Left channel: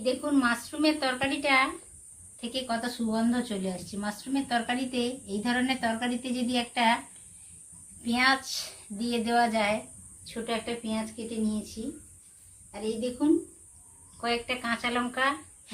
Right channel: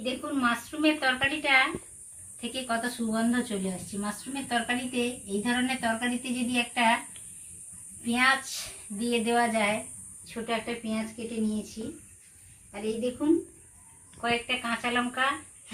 এই দেখুন মাশরুমের তরকারিটা থেকে কত সুগন্ধ চলে আসছে। মাশরুমের তরকারিতে, এই ধরনের তরকারিতে যদি একটা পেঁয়াজ দিয়ে দেওয়া যায়, ছোট একটা পেঁয়াজ কেটে নিয়েছি, আর এই দেখুন কয়েকটা কাঁচা লঙ্কা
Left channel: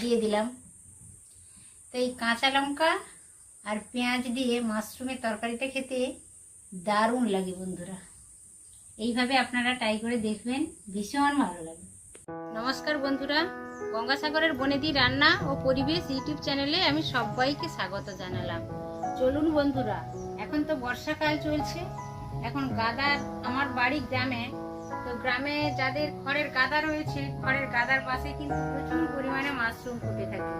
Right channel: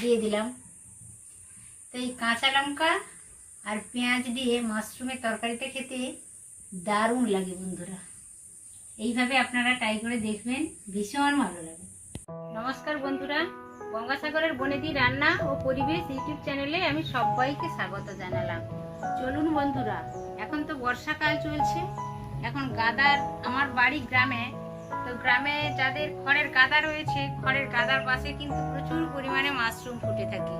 দিয়ে দিলাম। তো এই কাঁচা লঙ্কা আর পেঁয়াজ দিয়ে মাশরুমের তরকারিটা খেতে দারুণ লাগে বন্ধুরা। এইভাবে আপনারা ট্রাই করে দেখবেন, ভীষণ ভালো লাগে। নমস্কার বন্ধুরা, গঙ্গাসাগরের বনেদি রান্না ও পরিবেশ ইউটিউব চ্যানেলে আমি সবাইকে স্বাগত জানালাম। চলুন বন্ধুরা, এখন তো বর্ষাকাল চলছে, এখন গাদার, আমার বাড়ি গ্রামে, তো গ্রামে যাদের খড়ের গাদা রয়েছে, খড়ের গাদার পাশে কিন্তু প্রচুর পরিমাণে মাশরুম ফুটে থাকে।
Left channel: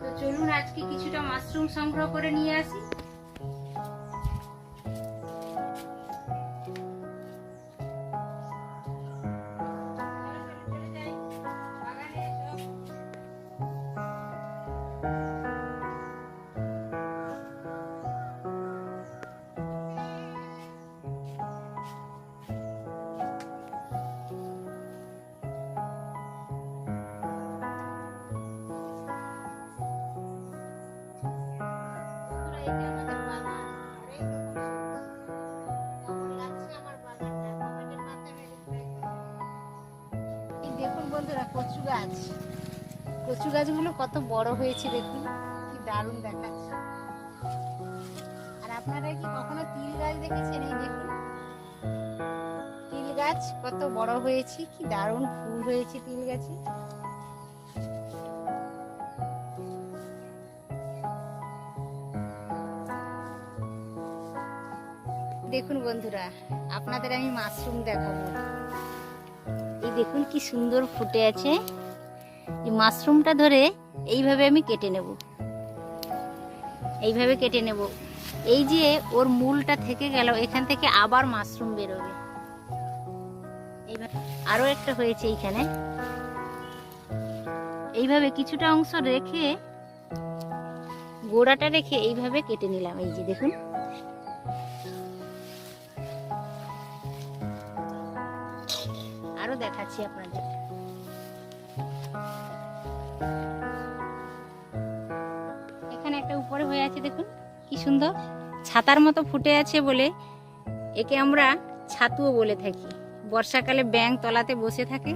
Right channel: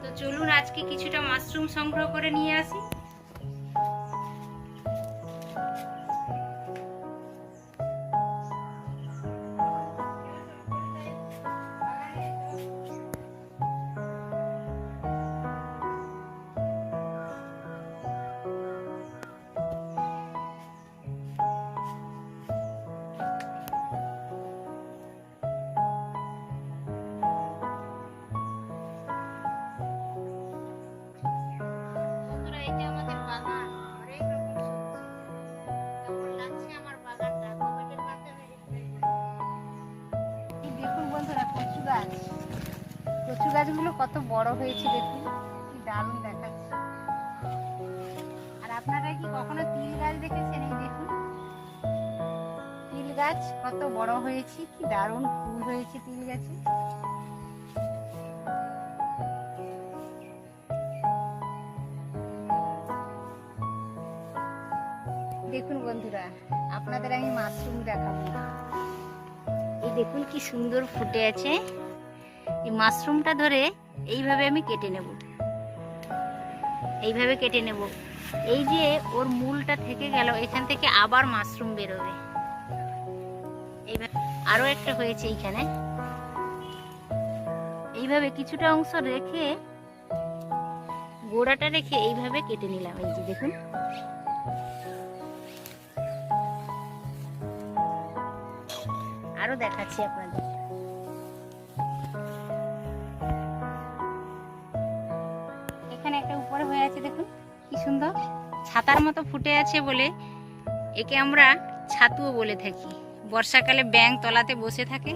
তো চলুন আজকে কিছুটা মাশরুম সংগ্রহ করে নিয়ে আসি। দেখুন বন্ধুরা, কচু গাছগুলো কত বড় হয়েছে, দেখুন কি দারুণ দেখাচ্ছে। আর আপনারা কি কখনো তিল গাছ দেখেছেন? এই দেখুন তিল গাছ কত বড় হয়েছে, কি দারুণ ফুল হয়েছে তিল গাছে। দেখুন বন্ধুরা, আপনাদের আমি মাশরুম দেখাবো। এই দেখুন কি সুন্দর ফুটে আছে। এই মাশরুমটা ধরে এইভাবে আমি কেটে নেব, এইভাবে কেটে নেব। এই যে ওর মূলটা থেকে গেল, এখান থেকে আবার মাশরুম বেরোবে। এইভাবে আরো একটা হয়েছে এইখানে, এইভাবে কিছুটা অংশ রেখে, গোড়াটা রেখে এইভাবে কেটে নিলাম। এই যে দেখুন, আরো দেখাচ্ছি আপনাদের। এখানে একটা উপরে হয়ে আছে, দেখুন কি সুন্দর ছাতার মতো ফুটে আছে বলে একে আমরা ছাতুও বলে থাকি। বর্ষাকালে ব্যাঙ তলাতে বসে থাকে,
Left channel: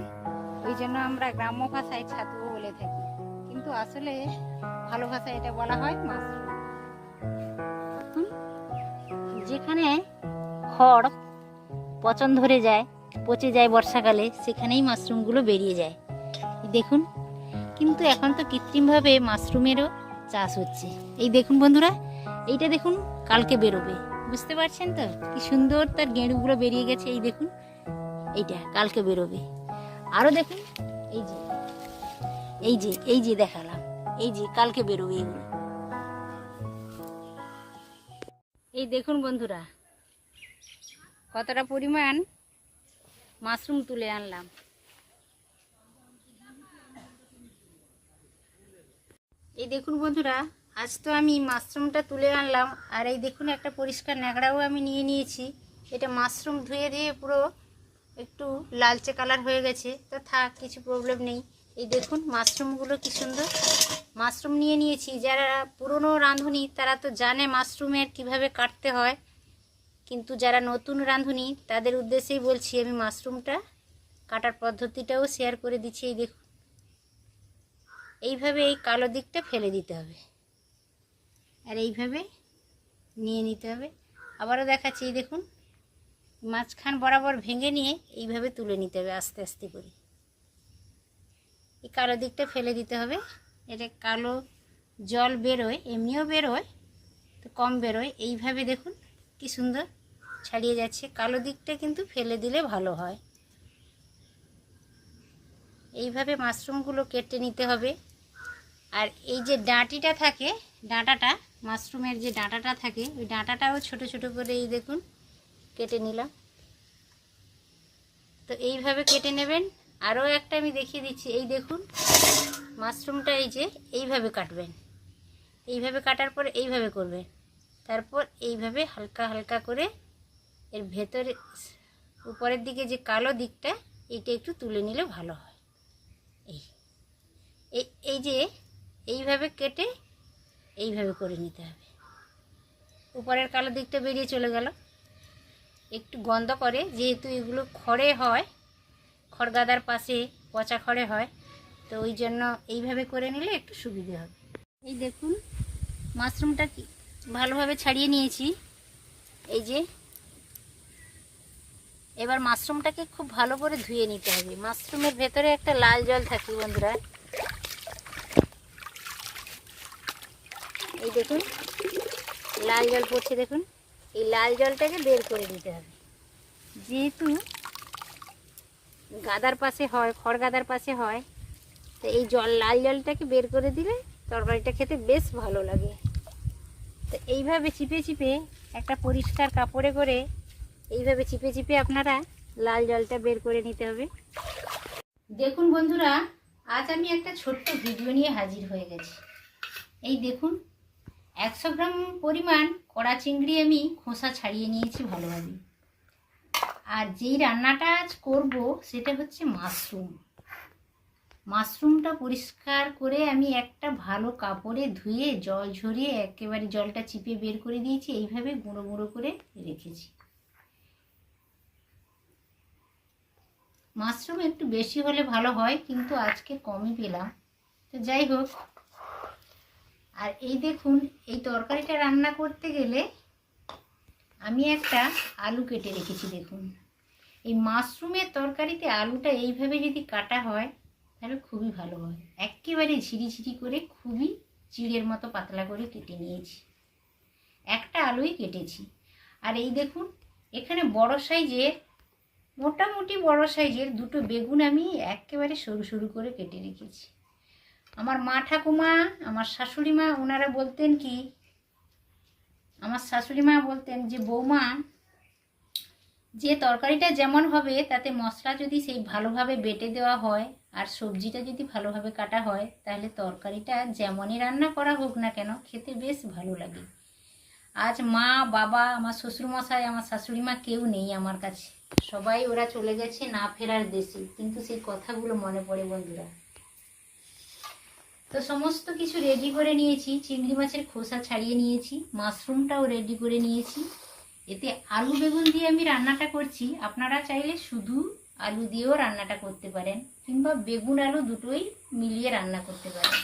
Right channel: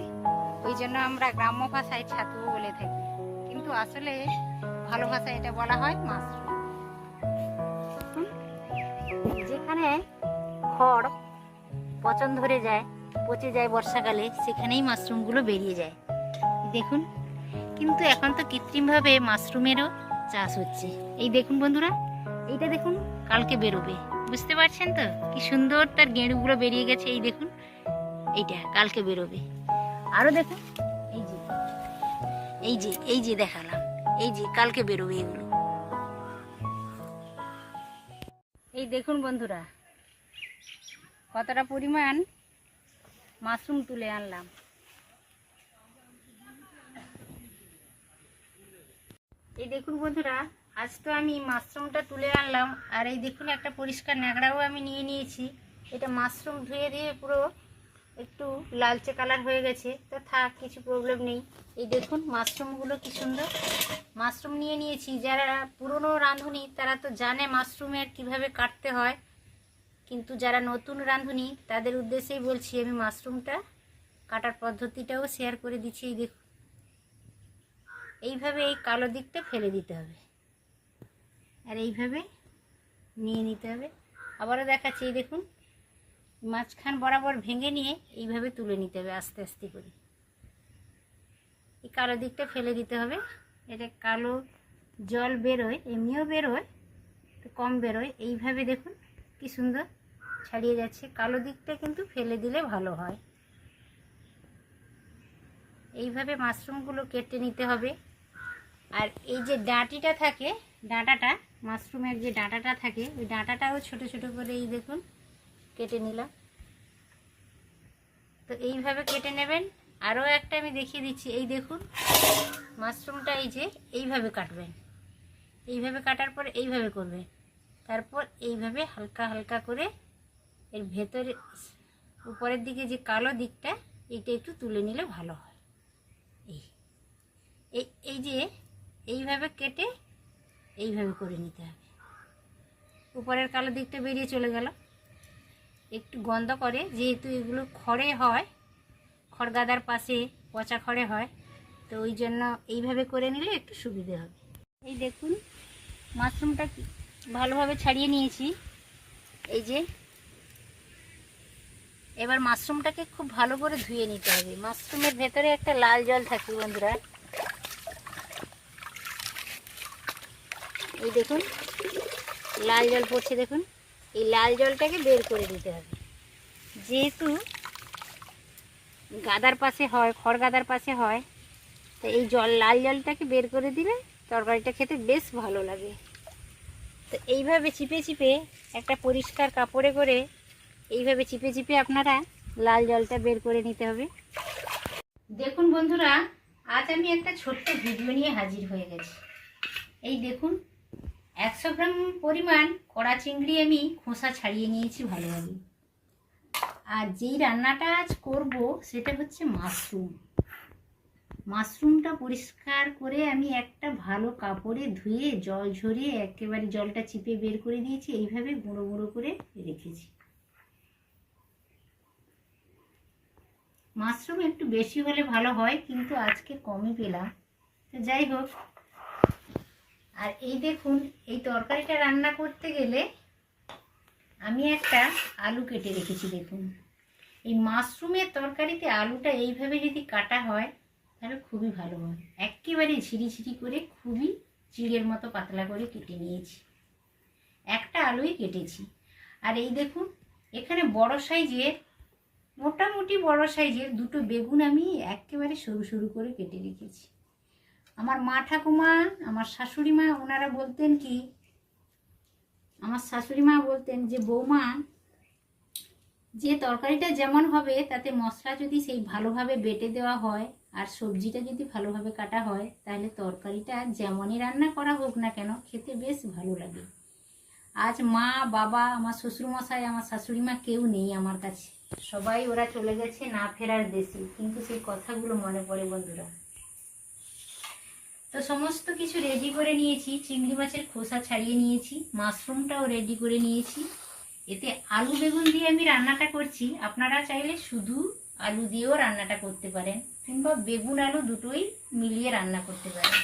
ওই জন্য আমরা গ্রাম্য ভাষায় ছাতুও বলে থাকি, কিন্তু আসলে ভালো ভাষায় এটা বলা হয় মাশরুম। যেখানে খড় পচন ধরে যায়, পচে যায় বর্ষাকালে, সেখানেই মাশরুমগুলো বেরিয়ে যায়। দেখুন, কিন্তু এখন তো কৃত্রিমভাবে মাশরুমেরও চাষ হচ্ছে। এই দেখুন বন্ধুরা, এইটা দেখুন কালকে বেরোবে, বুঝতে পারছেন তো কি সুন্দর তার গেঁড়ুগুলো বেরিয়ে গেছে। এই দেখুন, এইটা কালকে বেরোবে। আরো দেখুন, এই যে এই যে এই যে দেখালাম, এই যে কালকে বেরোবে এগুলো। এই দেখুন বন্ধুরা, কতটা পরিমাণ মাশরুম তুলে আনলাম। এই দেখুন বন্ধুরা, আজ তো আমি মাশরুমটা তুলে আনলাম, আর এই দেখুন একটা পরিষ্কার ন্যাকড়াও আমি নিয়ে নিয়েছি। এটা মাশরুম ধুয়ে দিয়ে পুরো একটু লালচে কালার হয়ে গেছে, তো থাক, কিছু প্রবলেম নেই। এই দেখুন মাশরুমগুলো কি সুন্দর। মাশরুম নিয়ে নিয়েছি। যারা পুরনো রাঁধুনি তারা তো জানে মাশরুমের কিভাবে কাটতে হয়, কিন্তু যারা নতুন রাঁধুনি তাদের উদ্দেশ্যেই বলছি, আমি মাশরুমটা কাটার পদ্ধতিটাও শেয়ার করে দিচ্ছি। এই দেখুন, এইভাবে এই কালো দিকটা ফেলে দিতে হবে, আর এইভাবে নিয়ে নিতে হবে। আবারও দেখাচ্ছি, এই দেখুন মাঝখান বরাবর ভেঙে নিয়ে এইভাবে তুলে নিতে হবে আস্তে আস্তে করে। এই কালো দিকটা ফেলে দিতে হবে। এটা কালো জল বেরোয়, এমনিও বেরোয়, তো কম বেরোয়। এইভাবে দেখুন কি সুন্দর ছাড়িয়ে যাচ্ছে। কালো দিকটা কিন্তু ফেলে দিলে ভালো হয়। এইভাবে মাশরুমগুলো কেটে নিতে হবে। আর এই যে ডাঁটিটা থাকে, ডাঁটাটা, মাশরুমের যে ডাঁটাটা থাকে, ওই ডাঁটাটাও ছোট ছোট করে এই দেখুন কেটে নিলাম। তো এইভাবে কেটে নেবেন। আরও একটা আমি দেখিয়ে দিচ্ছি। এই দেখুন মাশরুমটা এই যে এইভাবে কাটবেন, এইভাবে কাটার পর এইভাবে করবেন, তারপর এইভাবে হালকা হালকা করে এর ভেতরে উপরের দিকে যে কালো দিকটা, এইটা একটু তুলে নিলে ভালো হয়। এই যে এইভাবে কেটে এইভাবে করে নিতে হবে। উপরের কালো দিকটা বেরিয়ে চলে গেল। একটু গন্ধ করে, যেহেতু এগুলো খড়ে হয়, খড়গাদার পাশে পচা খড়ে হয়, তো ওই জন্য এইভাবে করে নিলে একটু সুবিধে হবে। এই দেখুন মাশরুমটা ভালোভাবে ছাড়িয়ে নিয়েছি। এই যে এবার মাশরুমটাকে খুব ভালো করে ধুয়ে নিতে হবে। মাশরুমের ভেতরে একটা লাল জল থাকে বন্ধুরা, এই দেখুন লাল জল পড়ছে, দেখুন এই লাল জলটাকে বের করে দিতে হবে। যেহেতু গাদার পাশে হয়, খড় গাদার পাশে হয়, তো এই লাল জলটাকে বের করে দিলে তরকারিটা খেতে বেশ ভালো লাগে। তো এইভাবে চিপে চিপে একটা পরিষ্কার কাপড়ে করে এইভাবে চিপে চিপে আপনারা লাল জলটা বের করে নিতে হবে। দেখুন বন্ধুরা, আজ আমি একটা ছোট্ট ভিডিও নিয়ে হাজির হয়ে গেছি। এই দেখুন 100 গ্রাম পরিমাণ কড়া চিংড়ি আমি খোসা ছাড়িয়ে নিয়েছি ভালোভাবে। আর যেই রান্নাটা আজ করব সেটা হচ্ছে মাশরুমটা পরিষ্কার করে আমি একটা ভালো কাপড়ে ধুয়ে জল ঝরিয়ে একেবারে জলটা চিপে বের করে দিয়েছি। এইভাবে গুঁড়ো গুঁড়ো করে রেখেছি। মাশরুম একটু বেশি হলে ভালো হয়, কিন্তু আজকে কমই পেলাম, তো যাই হোক। আর এই দেখুন এই তরকারিটা রান্না করতে গেলে আমি একটা আলু কেটে রেখেছি। দেখুন এই মাশরুমের তরকারিতে আলুটা এইভাবে যদি কাটা হয় তাহলে খুবই ভালো হয়। একেবারে ঝিরিঝিরি করে খুবই চিড়ের মতো পাতলা করে কেটে নিয়েছি। একটা আলুই কেটেছি। আর এই দেখুন এখানে বড় সাইজের, মোটামুটি বড় সাইজের দুটো বেগুন আমি একেবারে সরু সরু করে কেটে রেখেছি। আমার মা ঠাকুমা, আমার শাশুড়ি মা, ওনারা বলতেন কি, আমার শাশুড়ি মা বলতেন যে বৌমা, যে তরকারিটা যেমন হবে তাতে মশলা যদি সেই ভালোভাবে বেটে দেওয়া হয় আর সবজিটা যদি ভালোভাবে কাটা হয় তাহলে তরকারিটা যেমনই রান্না করা হোক না কেন খেতে বেশ ভালো লাগে। আজ মা, বাবা, আমার শ্বশুরমশাই, আমার শাশুড়ি মা কেউ নেই আমার কাছে, সবাই ওরা চলে গেছে না ফেরার দেশে, কিন্তু সেই কথাগুলো মনে পড়ে বন্ধুরা। তো সমস্ত কিছু রেডি করে নিয়েছি। চিংড়ি মাছের খোসা ছাড়িয়ে নিয়েছি, মাশরুমটাও রেডি করে নিয়েছি। এতে আলু বেগুন দিয়ে আমি রান্নাটা করছি। আপনারা চাইলে শুধু আলু দিয়েও রান্নাটা করতে পারেন, কিংবা বেগুন আলু দুটোই মিলিয়ে রান্না করতে পারেন।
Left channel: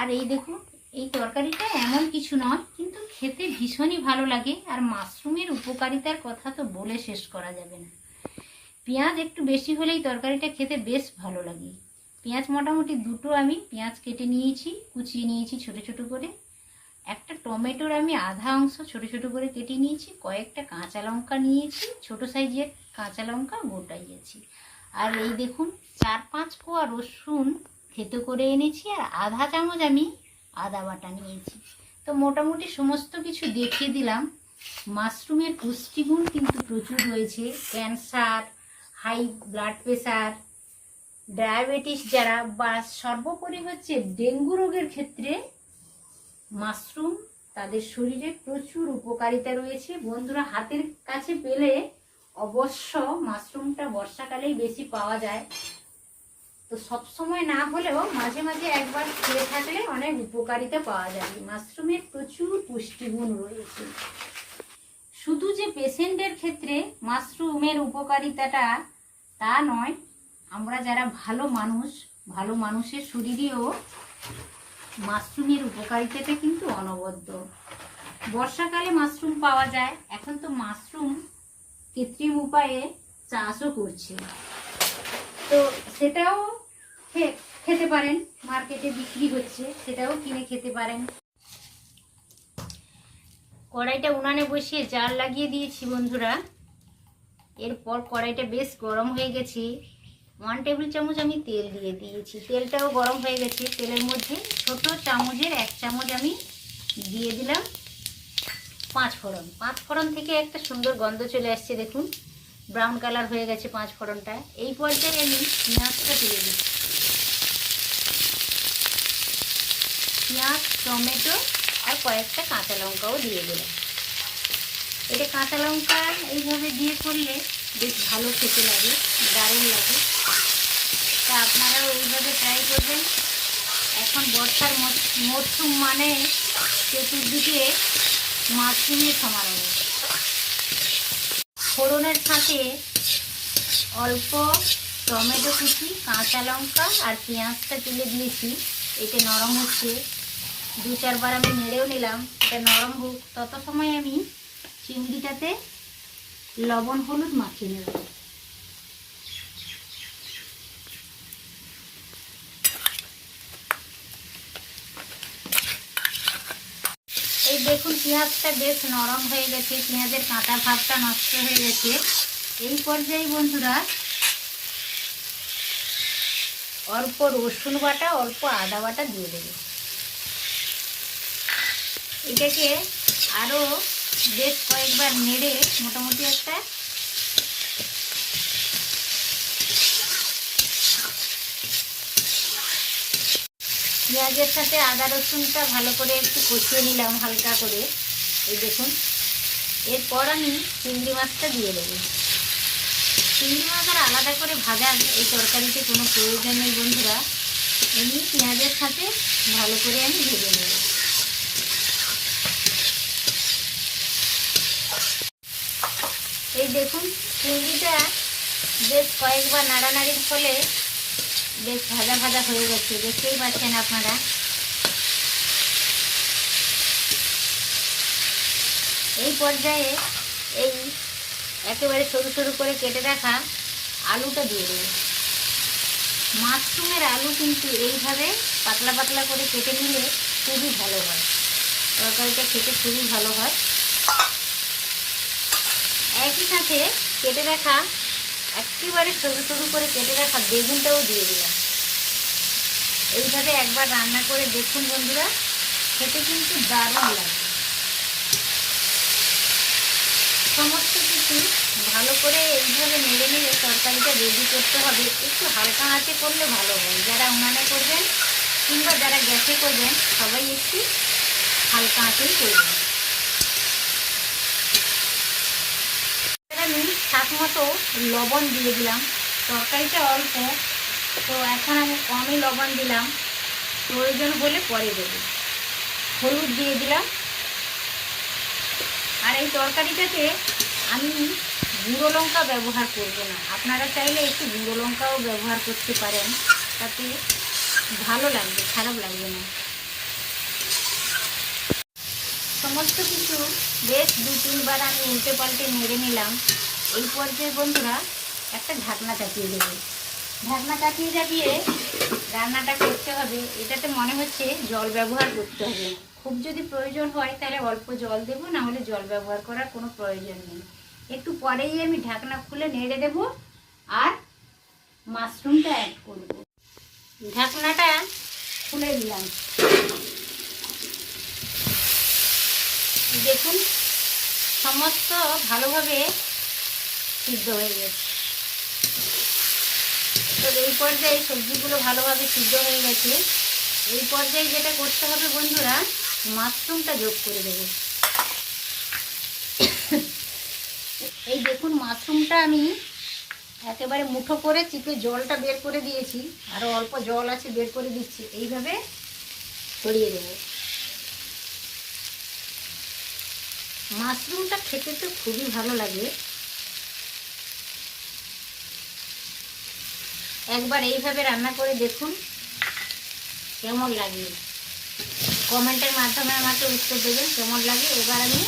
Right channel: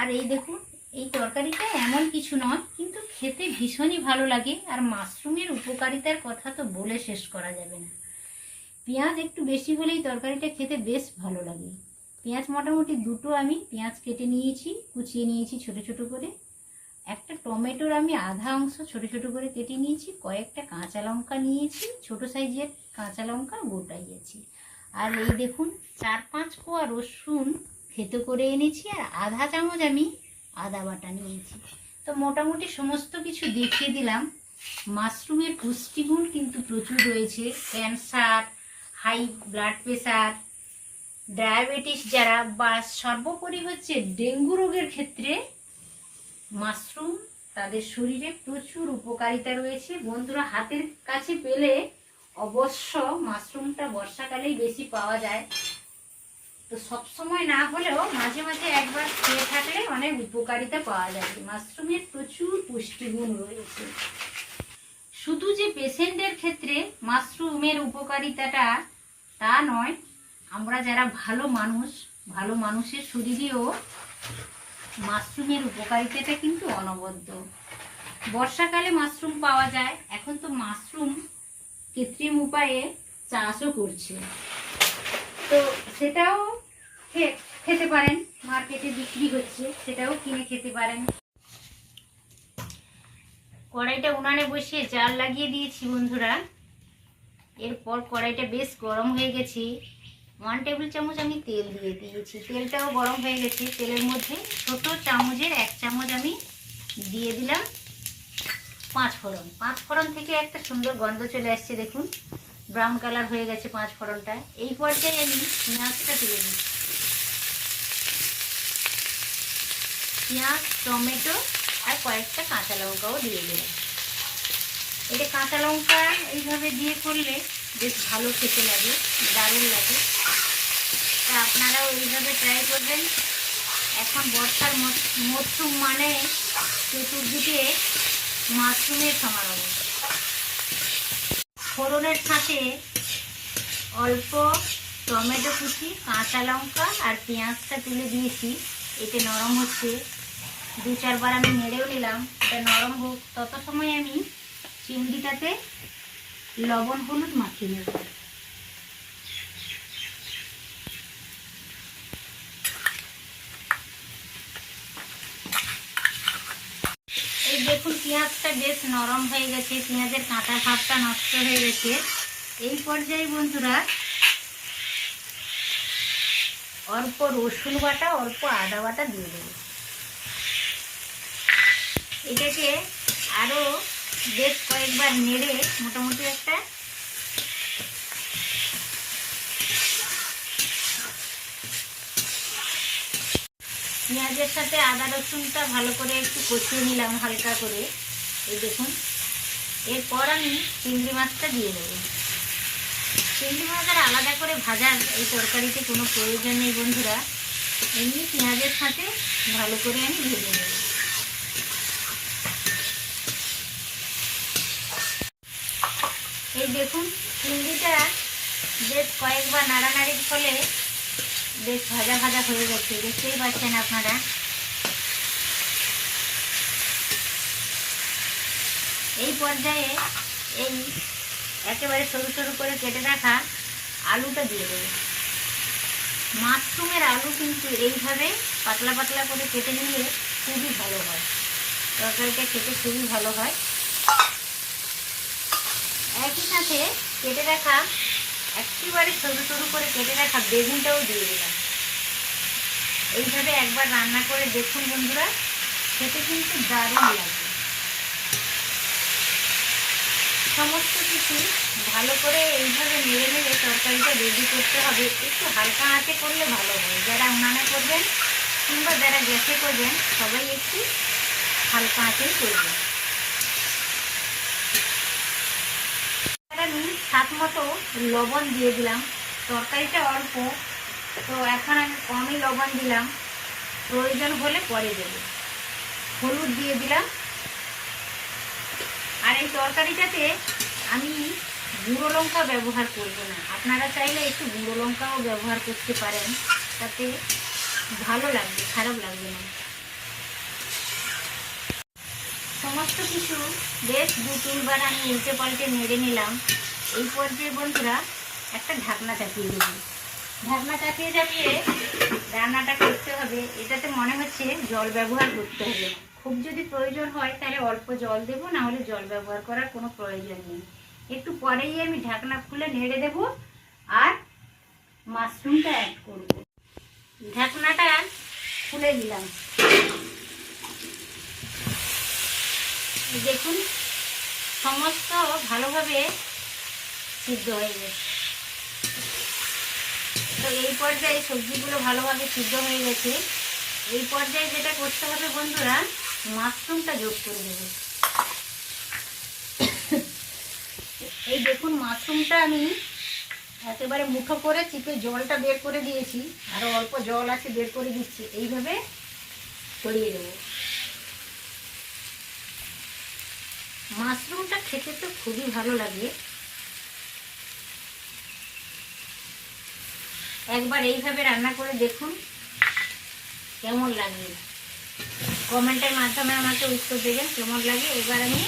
আর এই দেখুন এই তরকারিটা এমন কিছু নয়, কিন্তু খেতে ভীষণই ভালো লাগে। আর মাশরুমের উপকারিতার কথা তো বলে শেষ করা যাবে না। পেঁয়াজ একটু বেশি হলেই তরকারিটা খেতে বেশ ভালো লাগে। পেঁয়াজ মোটামুটি দুটো আমি পেঁয়াজ কেটে নিয়েছি, কুচিয়ে নিয়েছি ছোট ছোট করে। একটা টমেটোর আমি আধা অংশ ছোট ছোট করে কেটে নিয়েছি। কয়েকটা কাঁচা লঙ্কা নিয়েছি, ছোট সাইজের কাঁচা লঙ্কা গোটাইয়েছি। আর এই দেখুন 4-5 কোয়া রসুন থেতো করে এনেছি। আর আধা চামচ আমি আদা বাটা নিয়েছি। তো মোটামুটি সমস্ত কিছু দেখিয়ে দিলাম। মাশরুমের পুষ্টিগুণ কিন্তু প্রচুর রয়েছে। Cancer, high blood pressure, diabetes যারা, বা সর্বোপরি হচ্ছে ডেঙ্গু রোগের ক্ষেত্রে মাশরুম তাদের শরীরে প্রচুর উপকারিতা রয়েছে। বন্ধুরা হাতের কাছে পেলে অবশ্য মাশরুমটা বর্ষাকালেই বেশি পাওয়া যায়, তো সব সময় না হলেও মাঝে মাঝে একবার খেয়ে থাকলে অনেক উপকারিতা পাওয়া যায়। মাশরুমের প্রচুর পুষ্টিগুণ রয়েছে। শুধু যে পেশেন্টের ক্ষেত্রে মাশরুমের উপকারিতাটা তা নয়, আমরা যারা ভালো মানুষ, ভালো মানুষের শরীরেও মাশরুমের উপকারিতাটা কিন্তু অনবদ্য। বর্ষাকালে মাশরুম পাওয়া যায়। এখন তো মাশরুম কৃত্রিম উপায়ে চাষও করছে, তো সেটাও খেতে পারেন। মার্কেটে বিক্রি হচ্ছে, সেটাও কিনে খেতে পারেন। কড়াইটা উনানে বসিয়ে জাল লাগিয়ে দিয়েছি বন্ধুরা। এরপর কড়াইটা বেশ গরম হয়ে গেছে। 1 টেবিল চামচ আমি তেল দিয়ে দিয়েছি। তেলটাও গরম হয়ে গেছে। তেলের মধ্যে ছোট চামচের 1 চামচ আমি দিয়ে দিলাম 5 ফোড়ন। 5 ফোড়ন থেকে একটা সুন্দর গন্ধ চলে আসছে। দেখুন ব্রাউন কালার হয়ে গেছে 5 ফোড়নটা। এই পর্যায়ে আমি পেঁয়াজটা দিয়ে দিচ্ছি। পেঁয়াজ, টমেটো আর কয়েকটা কাঁচা লঙ্কাও দিয়ে দিলাম। এটা কাঁচা লঙ্কা এইভাবে দিয়ে করলে বেশ ভালো খেতে লাগে, দারুণ লাগে। তা আপনারাও এইভাবে ট্রাই করবেন। এখন বর্ষার মরশুম মানে চতুর্দিকে মাশরুমের সমারোহ। ফোড়নের সাথে অল্প টমেটো কুচি, কাঁচা লঙ্কা আর পেঁয়াজটা তুলে দিয়েছি। এতে নরম হচ্ছে, 2-4 বার আমি নেড়েও নিলাম। এটা নরম হোক, তত সময় আমি চিংড়িটাতে লবণ হলুদ মাখিয়ে নেব। এই দেখুন পেঁয়াজটা বেশ নরম হয়ে গেছে, পেঁয়াজের কাঁচা ভাবটা নষ্ট হয়ে গেছে। এই পর্যায়ে বন্ধুরা অল্প রসুন বাটা, অল্প আদা বাটা দিয়ে দেবো। এটাকে আরও বেশ কয়েকবার নেড়ে মোটামুটি একটা পেঁয়াজের সাথে আদা রসুনটা ভালো করে একটু কষিয়ে নিলাম হালকা করে। এই দেখুন, এরপর আমি চিংড়ি মাছটা দিয়ে দেবো। চিংড়ি মাছের আলাদা করে ভাজার এই তরকারিতে কোনো প্রয়োজন নেই বন্ধুরা, এমনি পেঁয়াজের সাথে ভালো করে আমি ভেজে নেব। এই দেখুন চিংড়িটা বেশ কয়েকবার নাড়ানাড়ির ফলে বেশ ভাজা ভাজা হয়ে গেছে, দেখতেই পাচ্ছেন আপনারা। এই পর্যায়ে এই একেবারে সরু সরু করে কেটে রাখা আলুটা দিয়ে দেবো। মাশরুমের আলু কিন্তু এইভাবে পাতলা পাতলা করে কেটে নিলে খুবই ভালো হয়, তরকারিটা খেতে খুবই ভালো হয়। একই সাথে কেটে রাখা একেবারে সরু সরু করে কেটে রাখা বেগুনটাও দিয়ে দিলাম। এইভাবে একবার রান্না করে দেখুন বন্ধুরা, খেতে কিন্তু দারুণ লাগে। সমস্ত কিছু ভালো করে এইভাবে নেড়ে নেড়ে তরকারিটা রেডি করতে হবে। একটু হালকা আঁচে করলে ভালো হয়, যারা উনানে করবেন কিংবা যারা গ্যাসে করবেন সবাই একটু হালকা আঁচেই করবেন। আমি স্বাদ মতো লবণ দিয়ে দিলাম, তরকারিটা অল্প তো এখন আমি কমই লবণ দিলাম, প্রয়োজন হলে পরে দেবো। হলুদ দিয়ে দিলাম। আর এই তরকারিটাতে আমি গুঁড়ো লঙ্কা ব্যবহার করব না, আপনারা চাইলে একটু গুঁড়ো লঙ্কাও ব্যবহার করতে পারেন, তাতে ভালো লাগবে, খারাপ লাগবে না। সমস্ত কিছু বেশ 2-3 বার আমি উল্টে পাল্টে নেড়ে নিলাম। এই পর্যায়ে বন্ধুরা একটা ঢাকনা চাপিয়ে দেবো। ঢাকনা চাপিয়ে চাপিয়ে রান্নাটা করতে হবে। এটাতে মনে হচ্ছে জল ব্যবহার করতে হবে, খুব যদি প্রয়োজন হয় তাহলে অল্প জল দেবো, না হলে জল ব্যবহার করার কোনো প্রয়োজন নেই। একটু পরেই আমি ঢাকনা খুলে নেড়ে দেবো আর মাশরুমটা অ্যাড করব। ঢাকনাটা খুলে দিলাম। দেখুন সমস্ত ভালোভাবে সিদ্ধ হয়ে গেছে। তো এই পর্যায়ে সবজিগুলো ভালোভাবে সিদ্ধ হয়ে গেছে। এই পর্যায়ে যেটা করতে হবে বন্ধুরা, মাশরুমটা যোগ করে দেবো। এই দেখুন মাশরুমটা আমি একেবারে মুঠো করে চিপে জলটা বের করে দিয়েছি, আরও অল্প জল আছে বের করে দিচ্ছি। এইভাবে ছড়িয়ে দেবো। মাশরুমটা খেতে তো খুবই ভালো লাগে, একবার এইভাবে রান্না করে দেখুন কেমন লাগে, কমেন্টের মাধ্যমে আমাকে উত্তর দেবেন কেমন লাগে। এবার আমি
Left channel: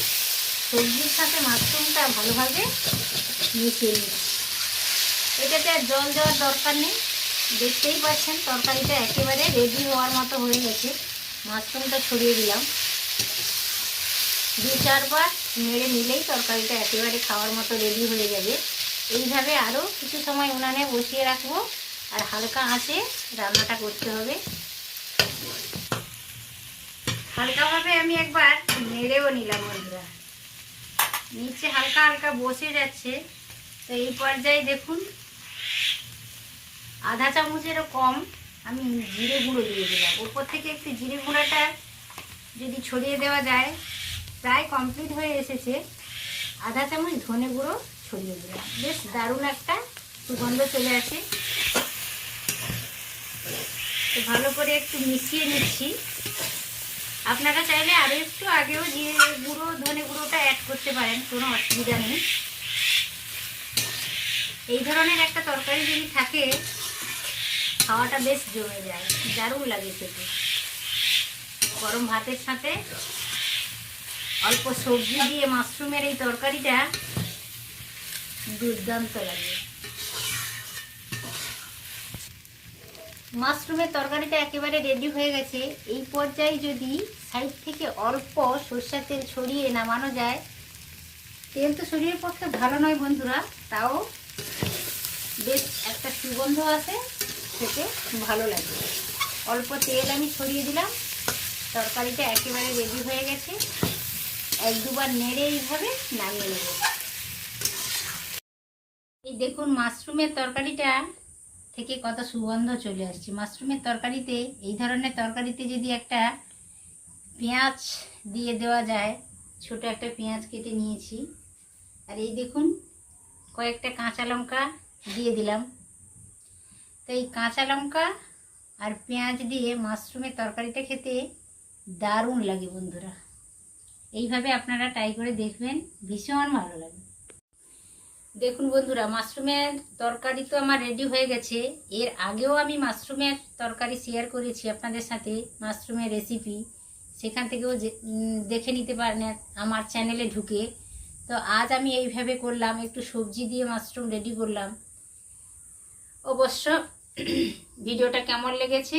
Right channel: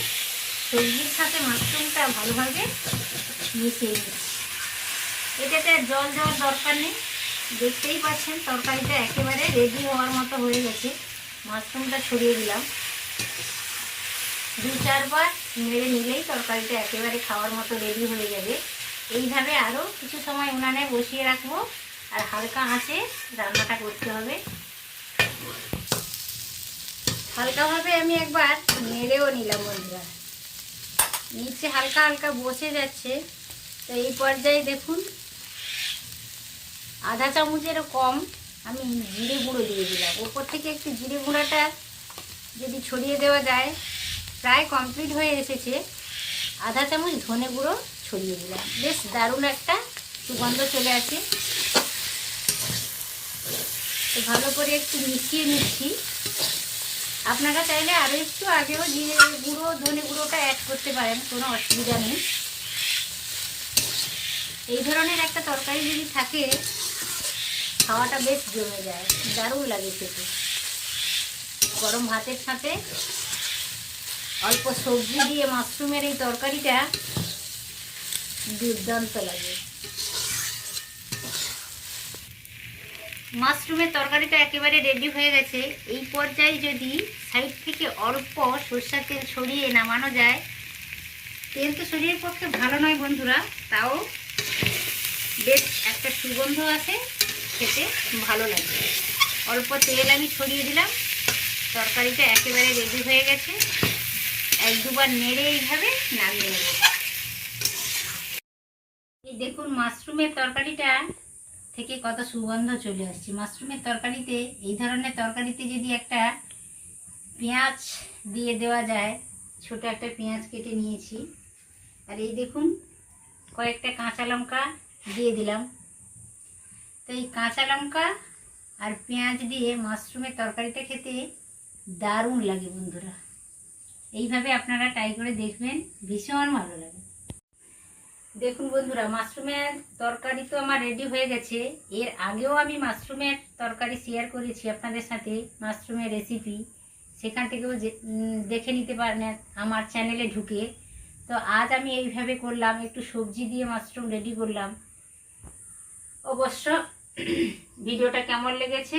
সবজির সাথে মাশরুমটা ভালোভাবে মিশিয়ে নিই। এটাতে আর জল দেওয়ার দরকার নেই, দেখতেই পাচ্ছেন তরকারিটা একেবারে রেডি হওয়ার মতো হয়ে গেছে। মাশরুমটা ছড়িয়ে দিলাম, 2-4 বার নেড়ে নিলেই তরকারিটা একেবারে খাওয়ার মতো রেডি হয়ে যাবে। এইভাবে আরও কিছু সময় উনানে বসিয়ে রাখবো আর হালকা আঁচে রান্নাটা করতে হবে। হালকাভাবে আমি একবার নেড়েও নিলাম বন্ধুরা, নিচে হালকা হালকা বসে যাচ্ছে। তো এই পর্যায়ে দেখুন আধা চামচেরও কম আমি জিরে গুঁড়ো দিয়ে দিলাম। ওপর থেকে একটু জিরে গুঁড়োটা যদি ছড়িয়ে দেওয়া যায়, প্রায় কমপ্লিট হয়ে এসেছে। আধা চামচ ধনে গুঁড়ো ছড়িয়ে দিলাম, বেশ দারুণ একটা সুগন্ধ চলে আসে। তো ভালো করে একটু মিশিয়ে নিচ্ছি। আপনারা চাইলে আরও একটু আগেও জিরে গুঁড়ো ধনে গুঁড়োটা অ্যাড করতে পারেন, কোনো অসুবিধা নেই। এই ধরনের একটা তরকারি যদি থাকে খাওয়াটা বেশ জমে যায়, দারুণ লাগে খেতে। গরম ভাতের সাথে অল্প সবজি দিয়ে মাশরুমের এই তরকারিটা দুর্দান্ত লাগে। মাশরুমের তরকারিটা একেবারে রেডি হয়ে গেছে। এই পর্যায়ে যদি সাইড থেকে অল্প সরষের তেল ছড়িয়ে নামানো যায়, তেল তো শরীরের পক্ষে ভালো নয় বন্ধুরা, তাও বেশ একটা সুগন্ধ আছে, খেতে ভালো লাগে। অল্প তেল আমি ছড়িয়ে দিলাম, তরকারিটা একেবারে রেডি হয়ে গেছে। এক দুবার নেড়ে এইভাবে নামিয়ে নেব। এই দেখুন মাশরুমের তরকারিটা থেকে কত সুগন্ধ চলে আসছে। মাশরুমের তরকারিতে, এই ধরনের তরকারিতে যদি একটা পেঁয়াজ দিয়ে দেওয়া যায়, ছোট একটা পেঁয়াজ কেটে নিয়েছি, আর এই দেখুন কয়েকটা কাঁচা লঙ্কা দিয়ে দিলাম। তো এই কাঁচা লঙ্কা আর পেঁয়াজ দিয়ে মাশরুমের তরকারিটা খেতে দারুণ লাগে বন্ধুরা। এইভাবে আপনারা ট্রাই করে দেখবেন, ভীষণ ভালো লাগে। দেখুন বন্ধুরা, মাশরুমের তরকারি তো আমার রেডি হয়ে গেছে। এর আগেও আমি মাশরুমের তরকারি শেয়ার করেছি আপনাদের সাথে, মাশরুমের রেসিপি, সেখান থেকেও দেখে নিতে পারেন আমার চ্যানেলে ঢুকে। তো আজ আমি এইভাবে করলাম, একটু সবজি দিয়ে মাশরুম রেডি করলাম। অবশ্য ভিডিওটা কেমন লেগেছে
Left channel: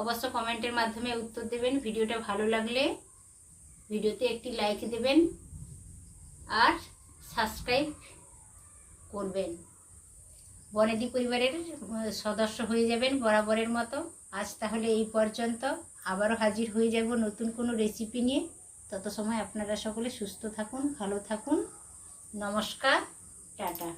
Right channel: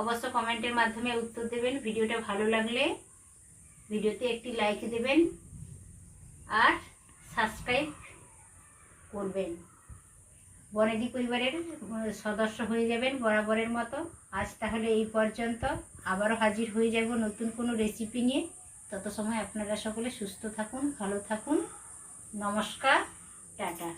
অবশ্য কমেন্টের মাধ্যমে উত্তর দেবেন। ভিডিওটা ভালো লাগলে ভিডিওতে একটি লাইক দেবেন আর সাবস্ক্রাইব করবেন। বনেদি পরিবারের সদস্য হয়ে যাবেন বরাবরের মতো। আজ তাহলে এই পর্যন্ত, আবারও হাজির হয়ে যাব নতুন কোনো রেসিপি নিয়ে। তত সময় আপনারা সকলে সুস্থ থাকুন, ভালো থাকুন। নমস্কার, টাটা।